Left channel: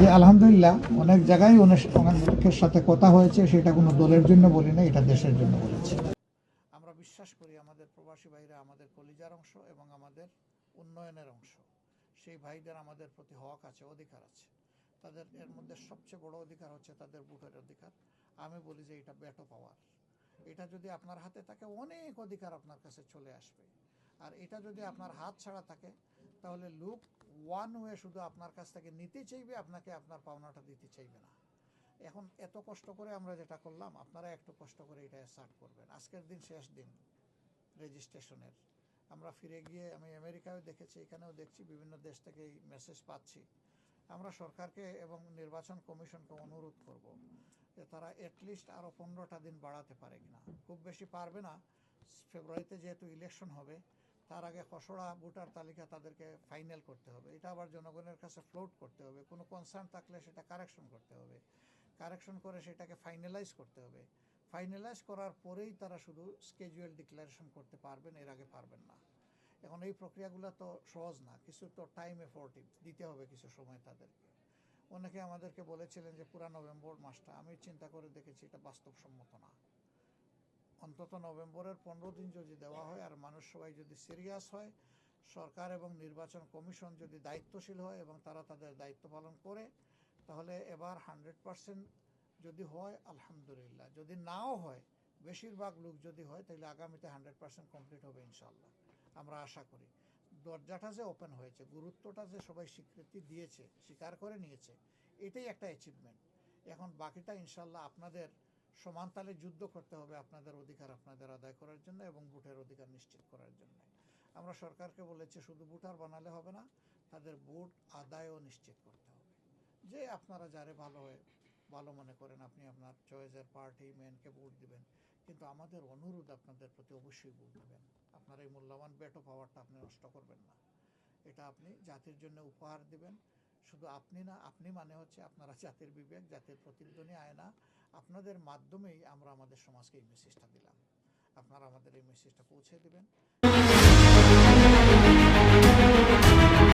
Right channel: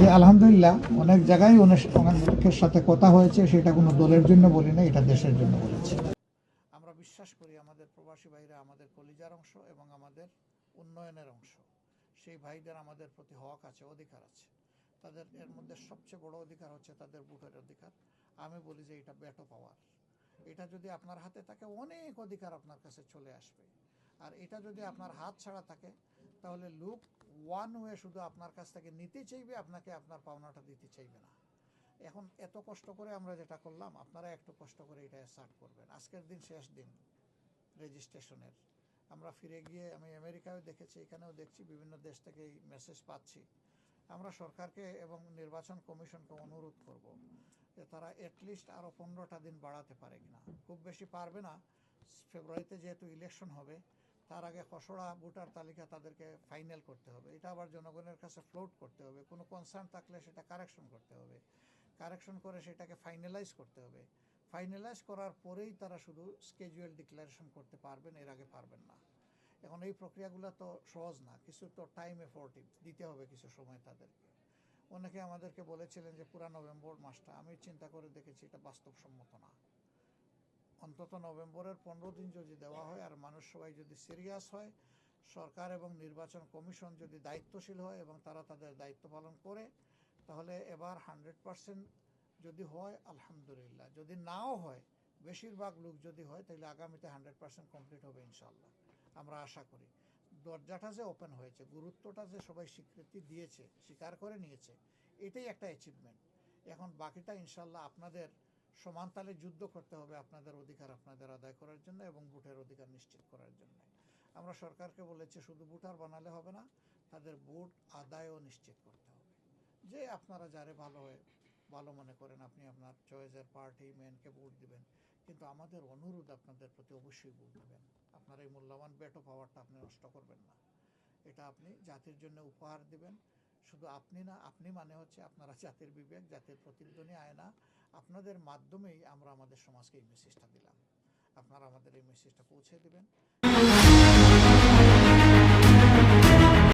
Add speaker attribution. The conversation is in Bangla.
Speaker 1: যে আলহামদুলিল্লাহ অনেক জায়গায় অনেক অনেকের সাথে কথা হয়েছে, সেটা কোনো দলের জন্য বলি না এটা দেশের জন্য বলেছি। আমরা বিশ্বাস করি আমাদের প্রবাসী ভাইরা আমাদের কলিজার অংশ এবং আমাদের উন্নয়নের অংশ। সেই ভাইদের আমাদের প্রতি হক আছে, অধিকার আছে। তাদের এর মধ্যে সবচেয়ে বড় অধিকার হচ্ছে তাদের ভোটের অধিকার। আমি বলি যে এটা ব্যাটো পাওয়ার। এটা যদি আপনার হাতে থাকে, অনেক অধিকার আপনার কাছে চলে আসবে। আর এটা যদি আপনার হাত ছাড়া থাকে তাহলে লুক ওয়ান ওয়ে শুধু আপনার কাছ থেকে নিতে চাইবে, আপনাকে আপনার পাওনাটা দিতে চাইবে না। এখন এত কষ্ট করে আমরা যেটা করলাম, আপনারা একটু কষ্ট করে এটা স্টার্ট করবেন। আজকের দিন শেষ দিন রেজিস্ট্রেশনের আমরা ফিরে গিয়ে, আমি আমেরিকায় দেখেছি, এখানেও দেখছি, বিভিন্ন দেশ থেকে এই মেসেজ পাচ্ছি। আমরা সরকারকে এবং নির্বাচন কমিশনকে অনুরোধ করব যে তারা অ্যাটলিস্ট আরও পনেরোটা দিন বাড়াতে পারে কিনা। খুব বেশি পারবে না। ফেব্রুয়ারিতে যেহেতু ইলেকশন হবে তার আগে খসড়া ভোটার তালিকা তাদেরকে ফাইনাল করতে হবে। এটা আবার জনগণের কাছে ফ্লোট করতে হবে। কোনো কনসার্ন থাকলে সেটা কারেকশন করতে হবে। কারেকশন করে সেটাকে ফাইনালাইজ করতে হবে। ফাইনালাইজ করার পরেই তারা শুধু স্কেজুয়াল ডিক্লারেশন করতে পারবেন, এর আগে পারবেন না। এখন এই প্রক্রিয়াগুলো তো সহজ না, কিছু তো টাইম এফোর্টিভ দিতে হবে কিছু সময় তাদেরকে। অনেকে আমাদেরকে বলেছিলেন যে পুরা নভেম্বর মাসটা, আমি চিন্তা করে দেখেছি এটা বাস্তবসম্মত না। অন্তত নভেম্বরের পনেরো দিন যদি দেওয়া হয় আর মানুষ সবাই যদি সিরিয়াস হয়, সরকার এবং নির্বাচন কমিশন যদি দায়িত্বশীল হয় এবং তারা তাদের দায়িত্ব পালন করে, তাহলে এবার হান্ড্রেড পার্সেন্ট যদি হয়, আলহামদুলিল্লাহ। যদি নাও হয়, বেশিরভাগ লোক যদি হয়, তাহলে আগামীতে হান্ড্রেড পার্সেন্ট কমপ্লিট হবে ইনশাল্লাহ আমরা আশা করি। দরজাটা যে ওপেন হয়েছে, গুরুত্বটা যে সবাই স্বীকৃতি দিয়েছে, স্বীকার করে নিয়েছে, এটাই একটা অ্যাচিভমেন্ট এখন বাকিটা ইনশাল্লাহ আপনাদের সমানতালে যুদ্ধ করতে হবে আপনাদের অধিকার আপনাদের আদায় করার জন্য এবং ভোটের অধিকার নিশ্চিত করার জন্য। আমরা সরকারকে বলেছি, শুধু ভোটার বানালে হবে না, তাদের ভোট আদায়ও নিশ্চিত করতে হবে। যে আপনারা যারে ভালো হয়, ভালো মনে করেন, আপনি আপনার চয়েসের পার্টি ম্যানকে ভোট দিবেন, কিন্তু আমাদের অনুরোধ আপনাদের প্রতি অবশ্যই ভোট দিবেন। আপনার এই মূল্যবান বেটো পাওয়ারটা আপনি নষ্ট করবেন না। এটা আপনি জাতির জন্য উপহার দিবেন। শুধু আপনি না, আপনি মানে হচ্ছে আপনারা জাতির বিবেক, জাতির প্রতিধ্বনি আয়না আপনাদের মাধ্যমেই আমরা আমাদের সমাজকে এই মেসেজটা দিলাম। আপনারা আমাদের এই মেসেজটা পৌঁছে দেবেন।